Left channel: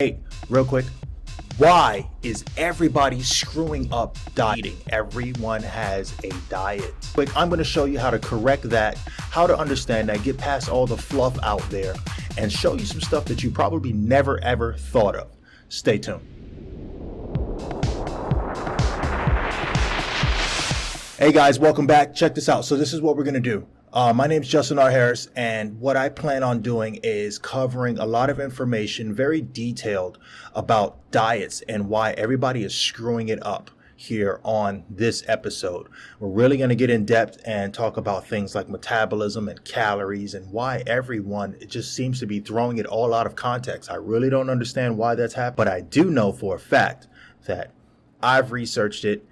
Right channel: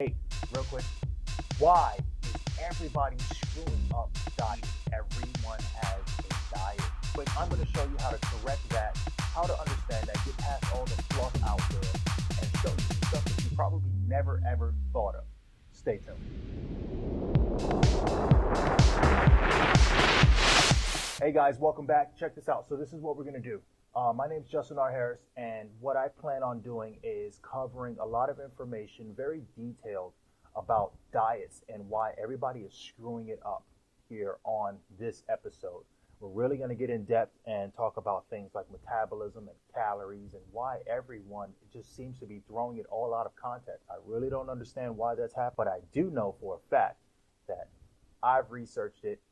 Hey, real quick, why is everybody screwing up dieting? Everyone has a diet. But I'm going to show you how to correct that, how to understand that, get past all the fluff out there, and show you some stuff that you probably never ever thought of. Stay tuned. Hey guys, welcome back. Check this out. So this is what we're going to do. My name is Justin R. Harris, and what I plan on doing is covering a lot of information, very detailed, about diets and why everybody is screwing it up here on this episode. We're really going to get in depth and talk about things like metabolism and calories and why everyone just seems to be throwing it all out of context. I really don't understand why that's happening, but I do know for a fact that I've researched it.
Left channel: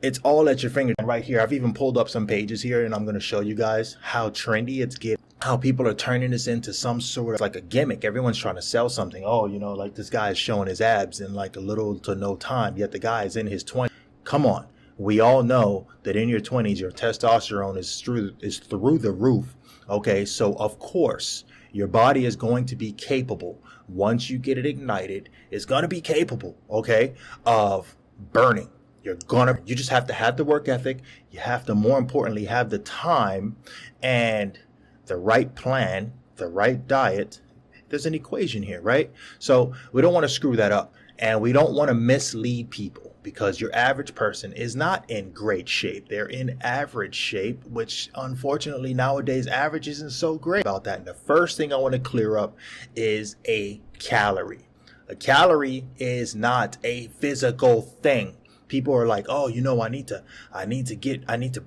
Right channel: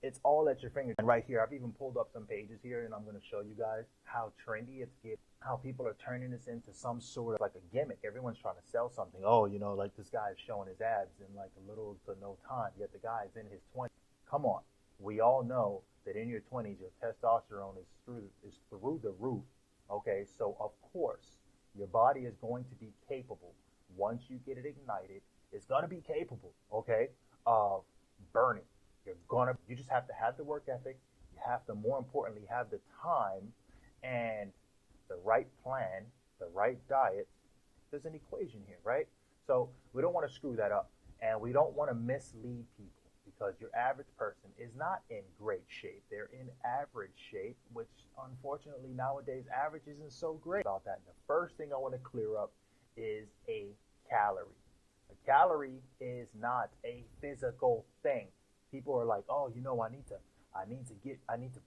It's all at your fingertips right here. I've even pulled up some pages here, and I'm going to show you guys how trendy it's getting, how people are turning this into some sort of like a gimmick. Everyone's trying to sell something. Oh, you know, like this guy is showing his abs in like a little to no time, yet the guy is in his 20s. Come on. We all know that in your 20s, your testosterone is through the roof. Okay, so of course, your body is going to be capable, once you get it ignited, it's going to be capable, okay, of burning. You just have to have the work ethic. You have to, more importantly, have the time and the right plan, the right diet. There's an equation here, right? So we don't want to screw that up, and we don't want to mislead people, because your average person is not in great shape. They're in average shape, which unfortunately nowadays average isn't so great about that. And the first thing I want to clear up is a calorie. A calorie is not a physical thing. People are like, oh, you know, I need to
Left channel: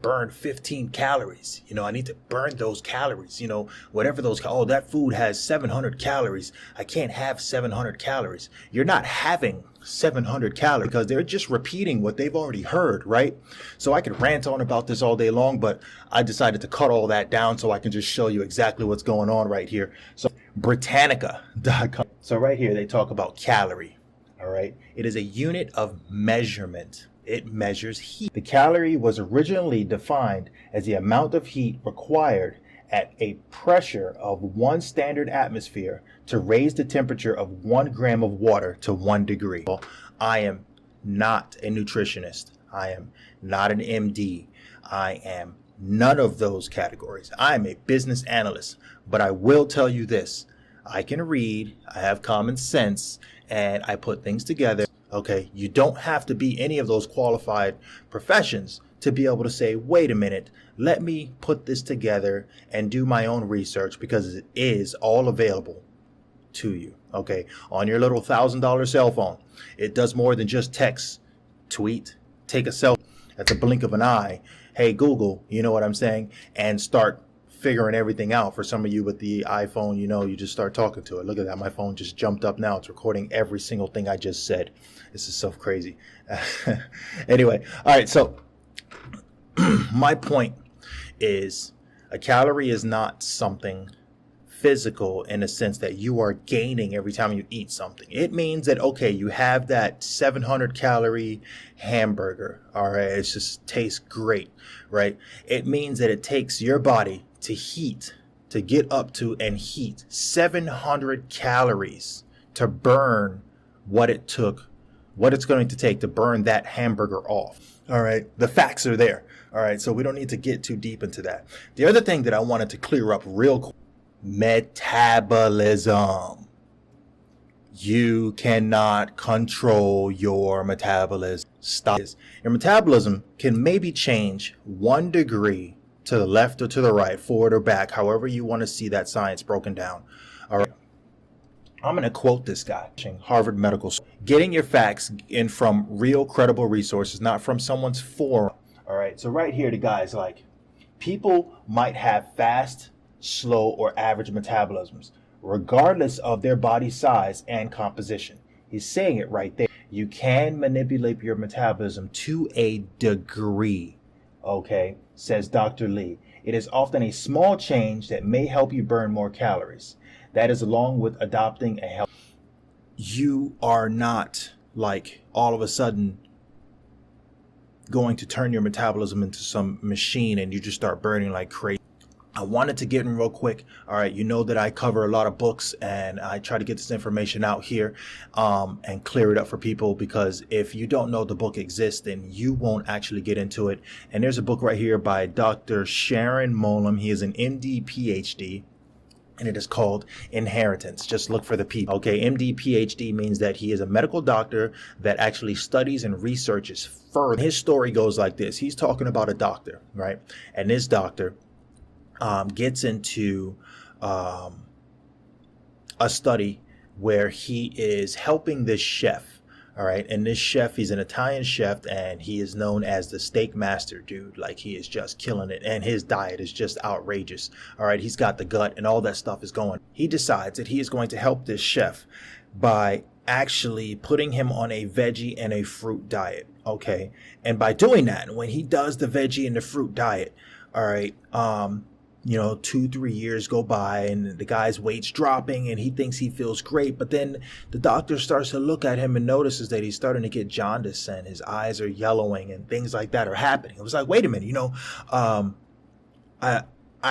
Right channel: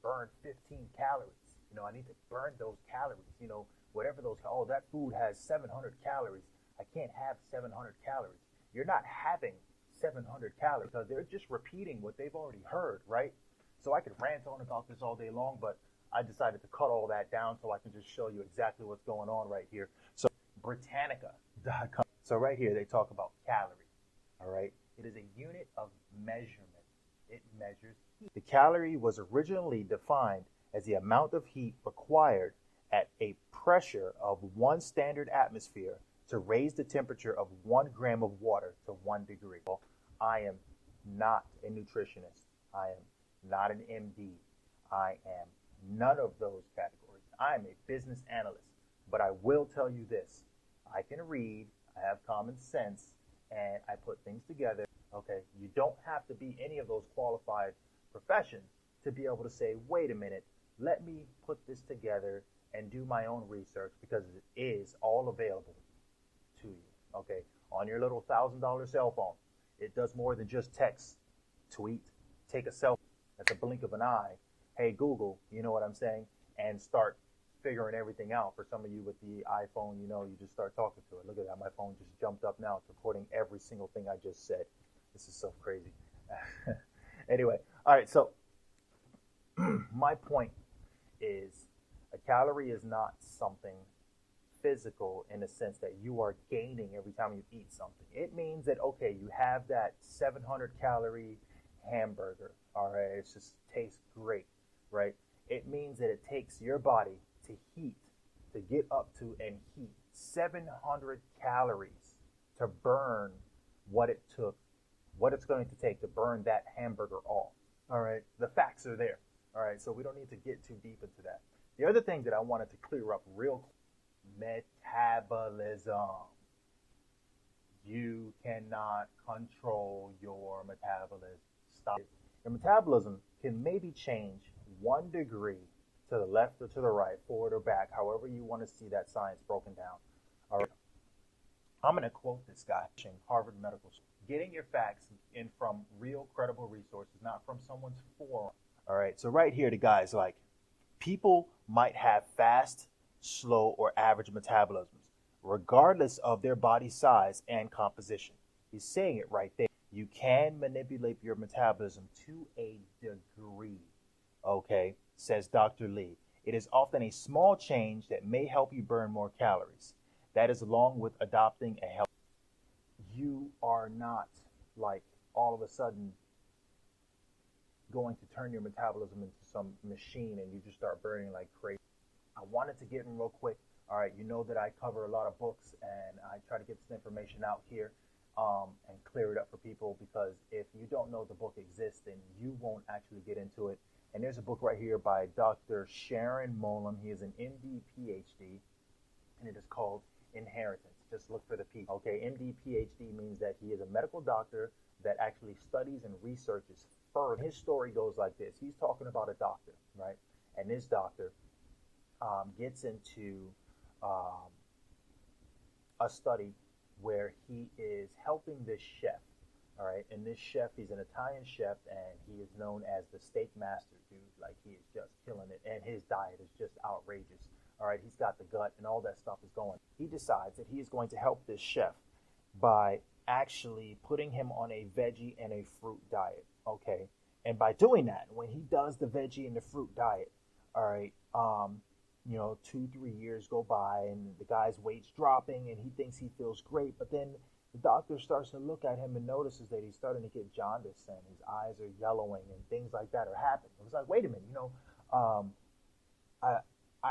burn 15 calories. You know, I need to burn those calories, you know, whatever those, oh, that food has 700 calories. I can't have 700 calories. You're not having 700 calories because they're just repeating what they've already heard, right? So I could rant on about this all day long, but I decided to cut all that down so I can just show you exactly what's going on right here. So Britannica.com. So right here, they talk about calorie. All right. It is a unit of measurement. It measures heat. The calorie was originally defined as the amount of heat required at a pressure of 1 standard atmosphere to raise the temperature of 1 gram of water to 1 degree. Well, I am not a nutritionist. I am not an MD. I am none of those categories. I am a business analyst, but I will tell you this. I can read, I have common sense, and I put things together. Okay, you don't have to be any of those qualified professions to be able to say, wait a minute, let me put this together and do my own research, because it is all available to you, okay, on your little $1,000 cell phone. It does more than just text, tweet, take a selfie at the blink of an eye. Hey, Google, you know what I'm saying? And start figuring everything out. For some of you with the iPhone, you know, you just start talking to it. Look at that. My phone just jumped up now. It's recording every single thing I just said. This is so crazy. Anyway, all right. So my point is, a calorie is not something physical in a sense that you are gaining every time you eat something. It means that, okay, you have that 700 calorie hamburger. All right. It just tastes great, right? It means that it takes your body to get up to and heat 700 calories to burn what it's going to take to burn that hamburger off. All right. The facts are there. All right. So we don't need to get too deep into that. The other thing that I wanted to clear up real quick, metabolism. You cannot control your metabolism. Stop. Your metabolism can maybe change 1 degree to the left or to the right, forward or back, however you want to see that science broken down. All right. I'm going to quote this guy, Harvard Medical School. Getting your facts in from real credible resources, not from someone's forum. All right. So right here, the guy's like, people might have fast, slow, or average metabolisms, regardless of their body size and composition. He's saying it right there. You can manipulate your metabolism to a degree. Okay, says Dr. Lee. It is often a small change that may help you burn more calories. That is along with adopting a health. You are not like all of a sudden going to turn your metabolism into some machine and you just start burning like crazy. I wanted to get in real quick. All right, you know that I cover a lot of books and I try to get this information out here and clear it up for people, because if you don't know the book exists, then you won't actually get into it. And there's a book right here by Dr. Sharon Moalem. He is an MD PHD. And it is called Inheritance. Just look for the P. Okay, MD PhD means that he is a medical doctor that actually studies and researches further. His story goes like this. He's talking about a doctor, right? And this doctor gets into a study where he is helping this chef. All right, and this chef, he's an Italian chef, and he is known as the steak master, dude. Like, he is just killing it, and his diet is just outrageous. All right, he's got the gut, and all that stuff is going. He decides that he is going to help this chef by actually putting him on a veggie and a fruit diet. Okay, and by doing that, when he does the veggie and the fruit diet, all right, 2-3 years go by and the guy's weight's dropping and he thinks he feels great, but then the doctor starts to look at him and notices that he's starting to get jaundice and his eyes are yellowing and things like that are happening. It was like, wait a minute, I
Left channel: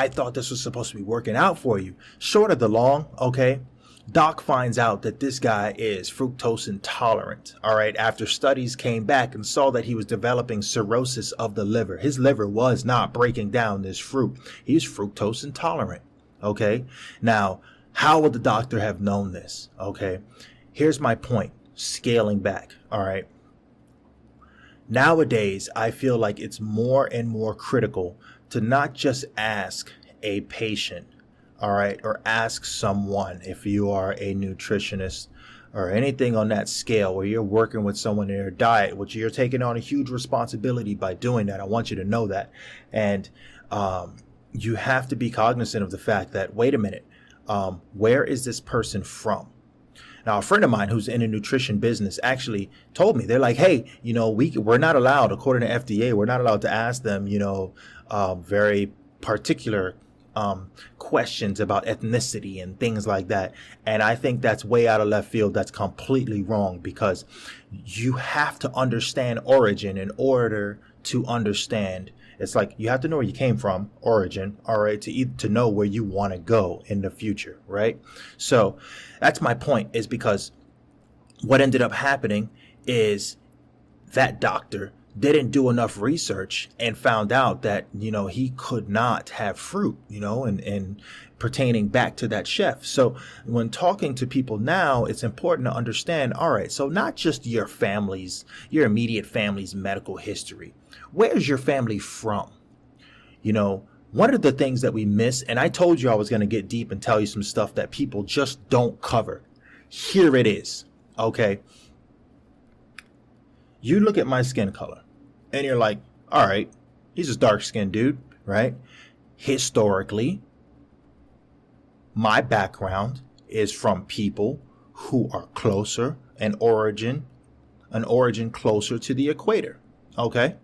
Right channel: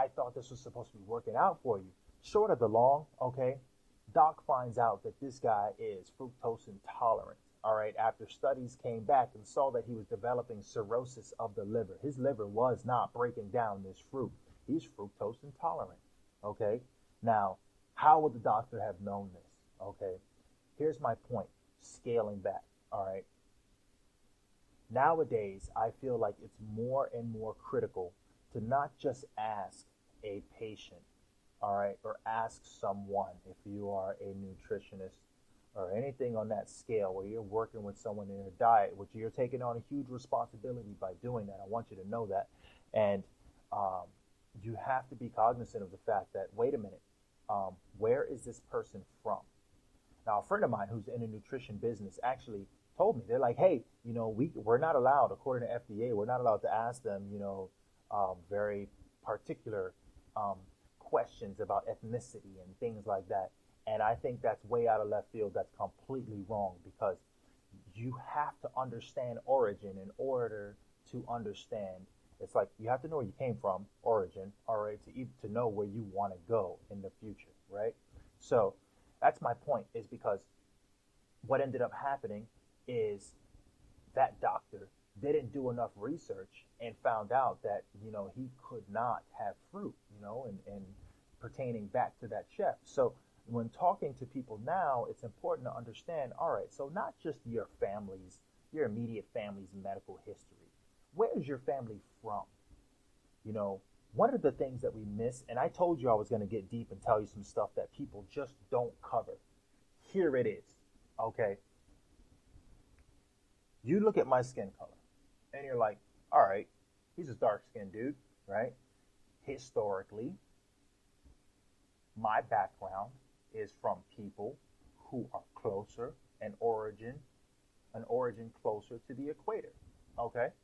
thought this was supposed to be working out for you. Short of the long, okay, Doc finds out that this guy is fructose intolerant, all right, after studies came back and saw that he was developing cirrhosis of the liver. His liver was not breaking down this fruit. He's fructose intolerant, okay? Now, how would the doctor have known this, okay? Here's my point, scaling back, all right? Nowadays, I feel like it's more and more critical to not just ask a patient, all right, or ask someone, if you are a nutritionist or anything on that scale where you're working with someone in their diet, which you're taking on a huge responsibility by doing that. I want you to know that. And you have to be cognizant of the fact that, wait a minute, where is this person from? Now, a friend of mine who's in a nutrition business actually told me, they're like, hey, we're not allowed, according to FDA, we're not allowed to ask them, very particular questions about ethnicity and things like that. And I think that's way out of left field. That's completely wrong, because you have to understand origin in order to understand. It's like you have to know where you came from, origin, all right, to know where you want to go in the future, right? So that's my point, is because what ended up happening is that doctor didn't do enough research and found out that, he could not have fruit, and pertaining back to that chef. So when talking to people now, it's important to understand, all right, so not just your immediate family's medical history. Where's your family from? One of the things that we miss, and I told you I was going to get deep and tell you some stuff that people just don't cover. Here it is, okay? You look at my skin color and you're like, all right, he's a dark-skinned dude, right? Historically, my background is from people who are closer, an origin closer to the equator, okay?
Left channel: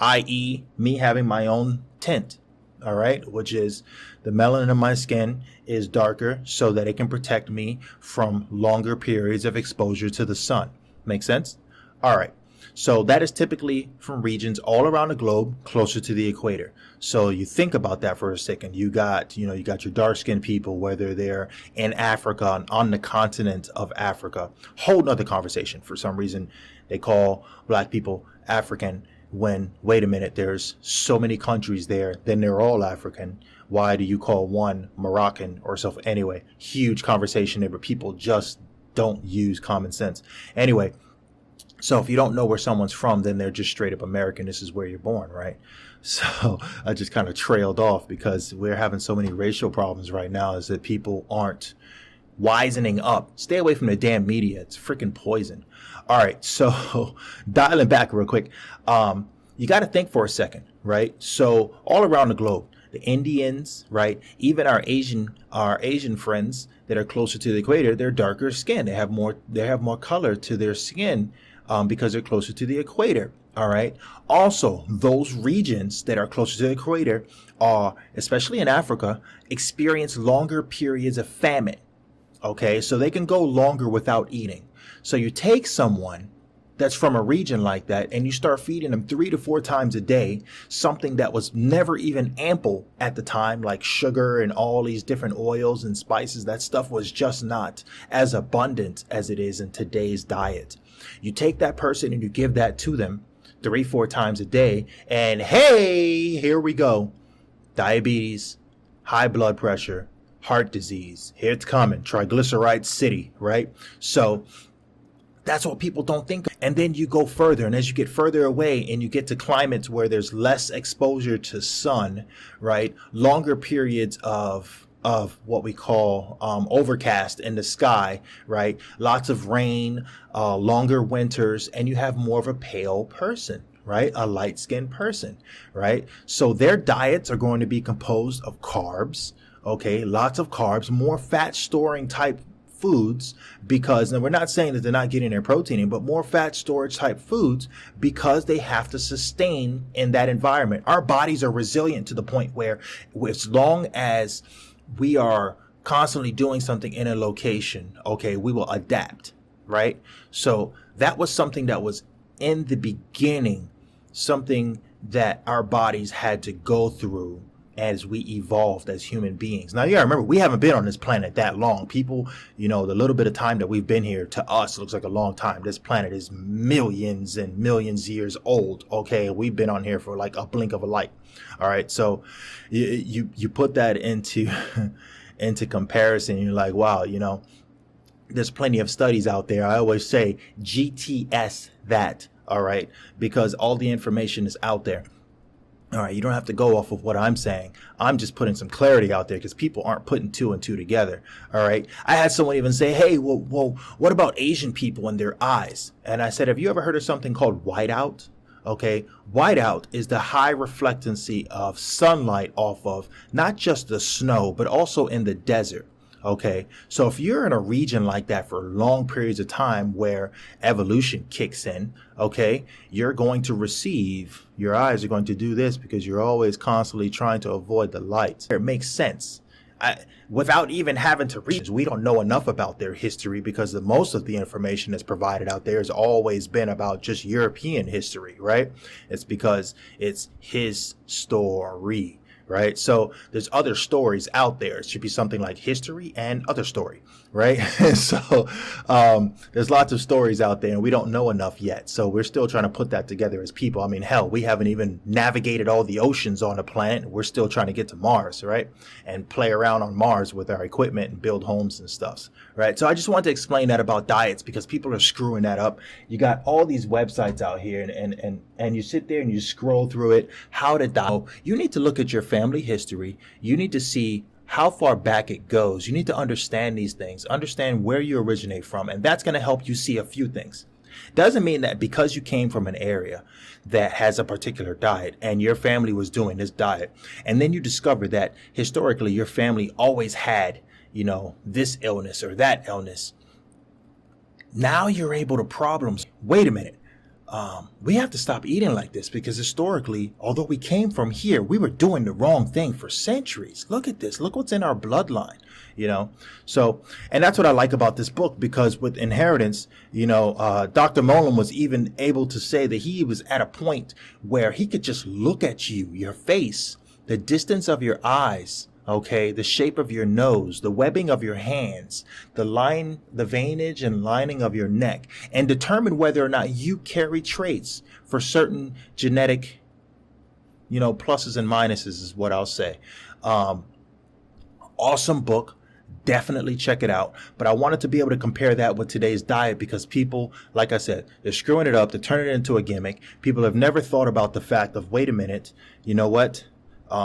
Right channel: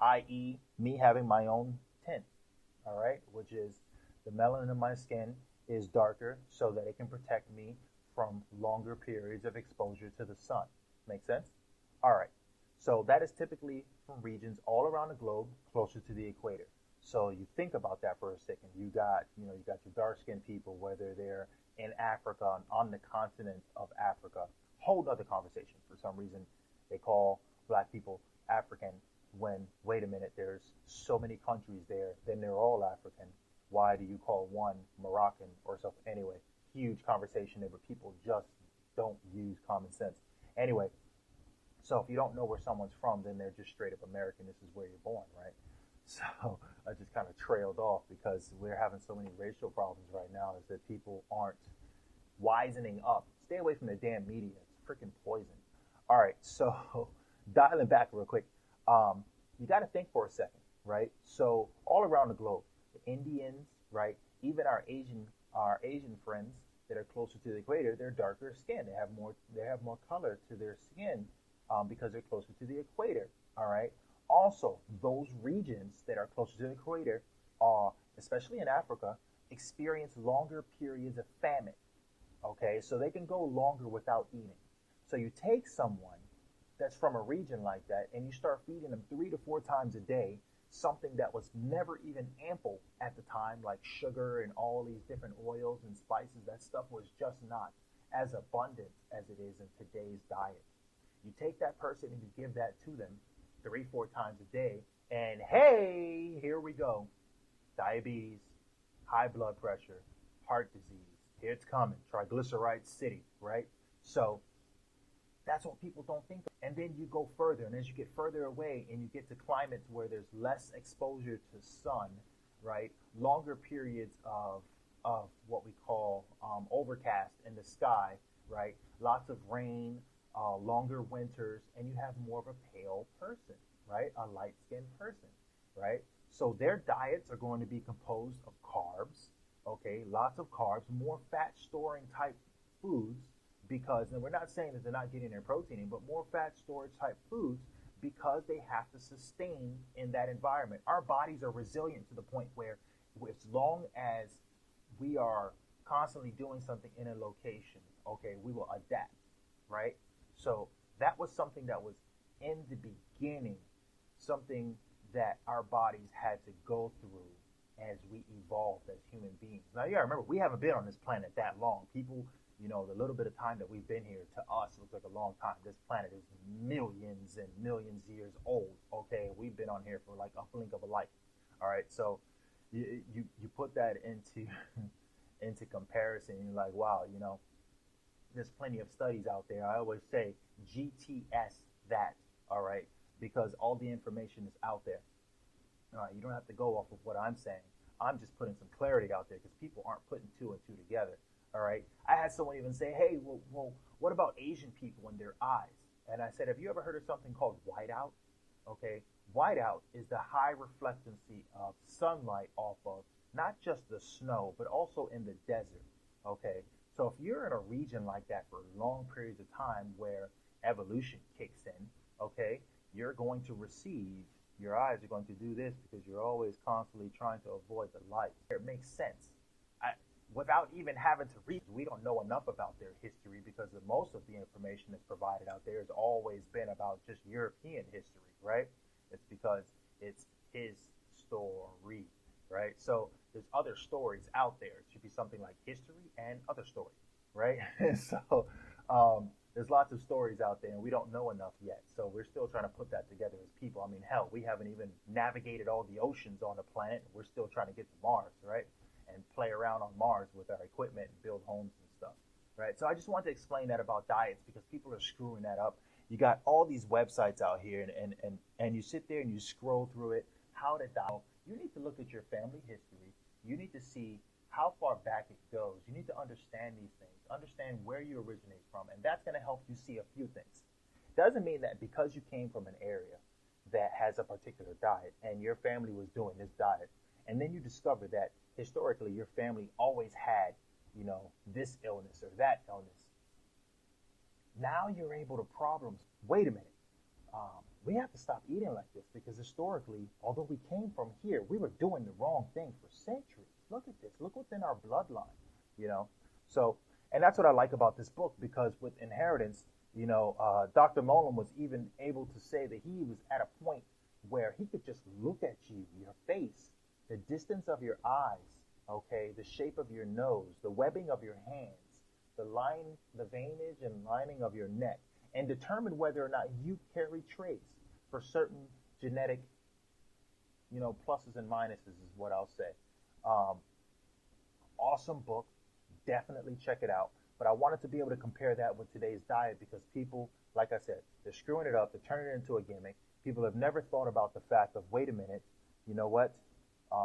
I.e., me having my own tint, all right, which is the melanin in my skin is darker so that it can protect me from longer periods of exposure to the sun. Make sense? All right. So that is typically from regions all around the globe closer to the equator. So you think about that for a second. You got your dark-skinned people, whether they're in Africa, on the continent of Africa. Whole nother conversation. For some reason, they call black people African when, wait a minute, there's so many countries there, then they're all African. Why do you call one Moroccan or so? Anyway, huge conversation there, but people just don't use common sense. Anyway, so if you don't know where someone's from, then they're just straight up American. This is where you're born, right? So I just kind of trailed off because we're having so many racial problems right now, is that people aren't wisening up. Stay away from the damn media. It's freaking poison. All right, so dialing back real quick, you got to think for a second, right? So all around the globe, the Indians, right? Even our Asian friends that are closer to the equator, they're darker skin. They have more color to their skin because they're closer to the equator. All right. Also, those regions that are closer to the equator are, especially in Africa, experience longer periods of famine. Okay, so they can go longer without eating. So you take someone that's from a region like that, and you start feeding them 3 to 4 times a day, something that was never even ample at the time, like sugar and all these different oils and spices, that stuff was just not as abundant as it is in today's diet. You take that person and you give that to them 3, 4 times a day, and hey, here we go. Diabetes, high blood pressure, heart disease, here it's coming, triglyceride city, right? So that's what people don't think of. And then you go further, and as you get further away and you get to climates where there's less exposure to sun, right? Longer periods of what we call overcast in the sky, right? Lots of rain, longer winters, and you have more of a pale person, right? A light-skinned person, right? So their diets are going to be composed of carbs, okay? Lots of carbs, more fat-storing type foods, because, and we're not saying that they're not getting their protein in, but more fat storage type foods, because they have to sustain in that environment. Our bodies are resilient to the point where, as long as we are constantly doing something in a location, okay, we will adapt, right? So that was something that was in the beginning, something that our bodies had to go through as we evolved as human beings. Now, you gotta remember, we haven't been on this planet that long. People, the little bit of time that we've been here, to us looks like a long time. This planet is millions and millions of years old, okay? We've been on here for like a blink of a light. All right, so you put that into into comparison, you're like, wow, there's plenty of studies out there. I always say GTS that, all right, because all the information is out there. All right, you don't have to go off of what I'm saying. I'm just putting some clarity out there because people aren't putting 2 and 2 together. All right. I had someone even say, hey, well, what about Asian people and their eyes? And I said, have you ever heard of something called whiteout? Okay. Whiteout is the high reflectancy of sunlight off of not just the snow, but also in the desert. Okay, so if you're in a region like that for long periods of time where evolution kicks in, okay, you're going to receive, your eyes are going to do this because you're always constantly trying to avoid the light. It makes sense. Without even having to read, we don't know enough about their history because most of the information that's provided out there has always been about just European history, right? It's because it's his story. Right? So there's other stories out there. It should be something like history and other story, right? So there's lots of stories out there and we don't know enough yet. So we're still trying to put that together as people. I mean, hell, we haven't even navigated all the oceans on the planet. We're still trying to get to Mars, right? And play around on Mars with our equipment and build homes and stuff, right? So I just wanted to explain that about diets because people are screwing that up. You got all these websites out here and you sit there and you scroll through it. How to diet. You need to look at your family history. You need to see how far back it goes. You need to understand these things, understand where you originate from, and that's going to help you see a few things. Doesn't mean that because you came from an area that has a particular diet and your family was doing this diet, and then you discover that historically your family always had, this illness or that illness. Now you're able to problems. Wait a minute. We have to stop eating like this because historically, although we came from here, we were doing the wrong thing for centuries. Look at this. Look what's in our bloodline, So, and that's what I like about this book because with inheritance, Dr. Moalem was even able to say that he was at a point where he could just look at you, your face, the distance of your eyes, okay, the shape of your nose, the webbing of your hands, the veinage and lining of your neck, and determine whether or not you carry traits for certain genetic, pluses and minuses is what I'll say. Awesome book. Definitely check it out. But I wanted to be able to compare that with today's diet because people, like I said, they're screwing it up. They're turning it into a gimmick. People have never thought about the fact of, wait a minute, you know what?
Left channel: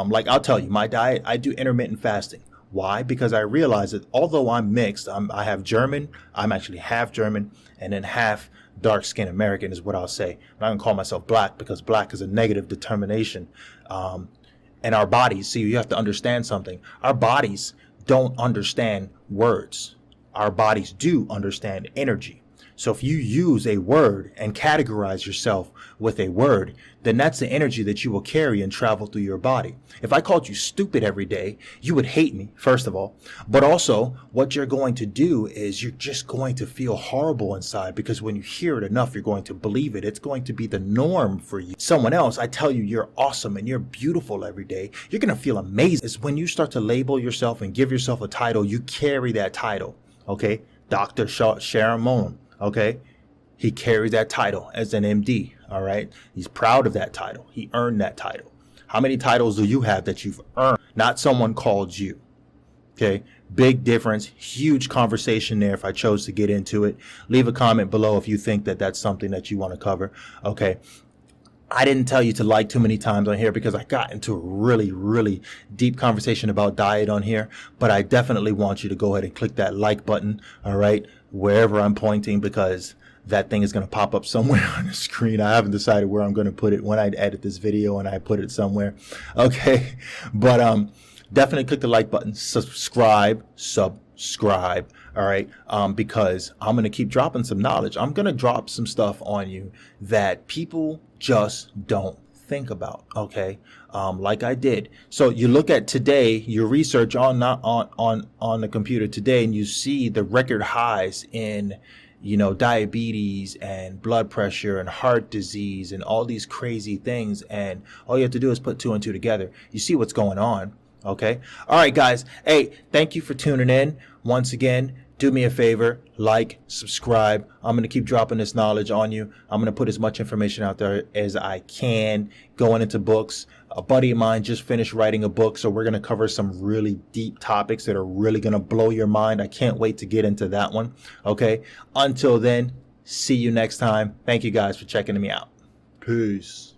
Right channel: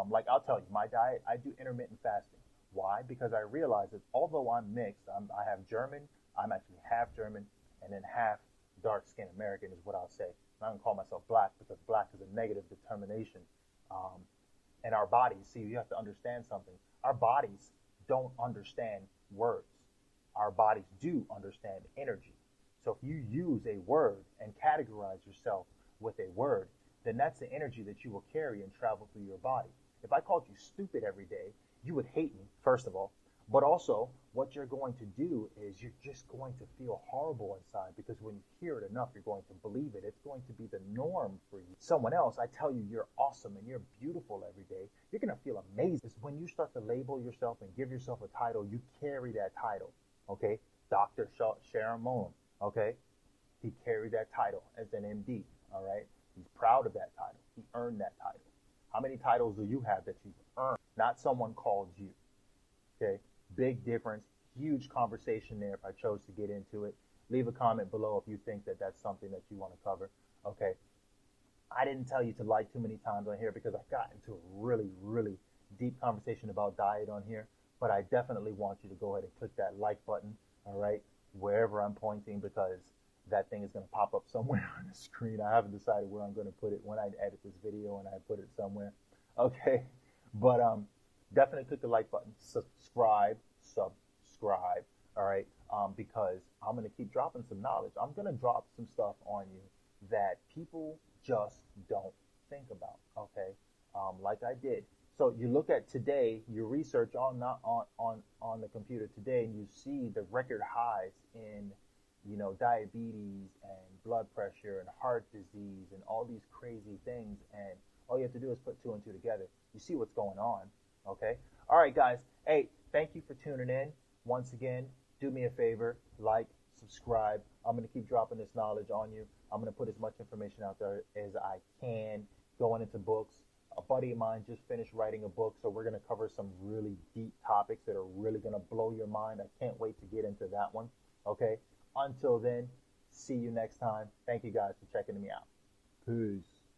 Like I'll tell you, my diet, I do intermittent fasting. Why? Because I realize that although I'm mixed, I have German, I'm actually half German, and then half dark-skinned American is what I'll say. I'm not going to call myself black because black is a negative determination. And our bodies, see, you have to understand something. Our bodies don't understand words. Our bodies do understand energy. So if you use a word and categorize yourself with a word, then that's the energy that you will carry and travel through your body. If I called you stupid every day, you would hate me, first of all. But also, what you're going to do is you're just going to feel horrible inside, because when you hear it enough, you're going to believe it. It's going to be the norm for you. Someone else, I tell you you're awesome and you're beautiful every day, you're going to feel amazing. It's when you start to label yourself and give yourself a title, you carry that title, okay? Dr. Sharon Moalem, okay? He carries that title as an MD, all right? He's proud of that title. He earned that title. How many titles do you have that you've earned? Not someone called you, okay? Big difference, huge conversation there if I chose to get into it. Leave a comment below if you think that that's something that you want to cover, okay? I didn't tell you to like too many times on here because I got into a really, really deep conversation about diet on here, but I definitely want you to go ahead and click that like button, all right, wherever I'm pointing, because that thing is going to pop up somewhere on the screen. I haven't decided where I'm going to put it when I edit this video and I put it somewhere, okay, but definitely click the like button, subscribe, all right, because I'm going to keep dropping some knowledge. I'm going to drop some stuff on you that people just don't think about, okay, like I did. So you look at today, your research on the computer today, and you see the record highs in, you know, diabetes and blood pressure and heart disease and all these crazy things, and all you have to do is put 2 and 2 together. You see what's going on, okay? All right, guys. Hey, thank you for tuning in. Once again, do me a favor, like, subscribe. I'm going to keep dropping this knowledge on you. I'm going to put as much information out there as I can, going into books. A buddy of mine just finished writing a book, so we're going to cover some really deep topics that are really going to blow your mind. I can't wait to get into that one, okay? Until then, see you next time. Thank you guys for checking me out. Peace.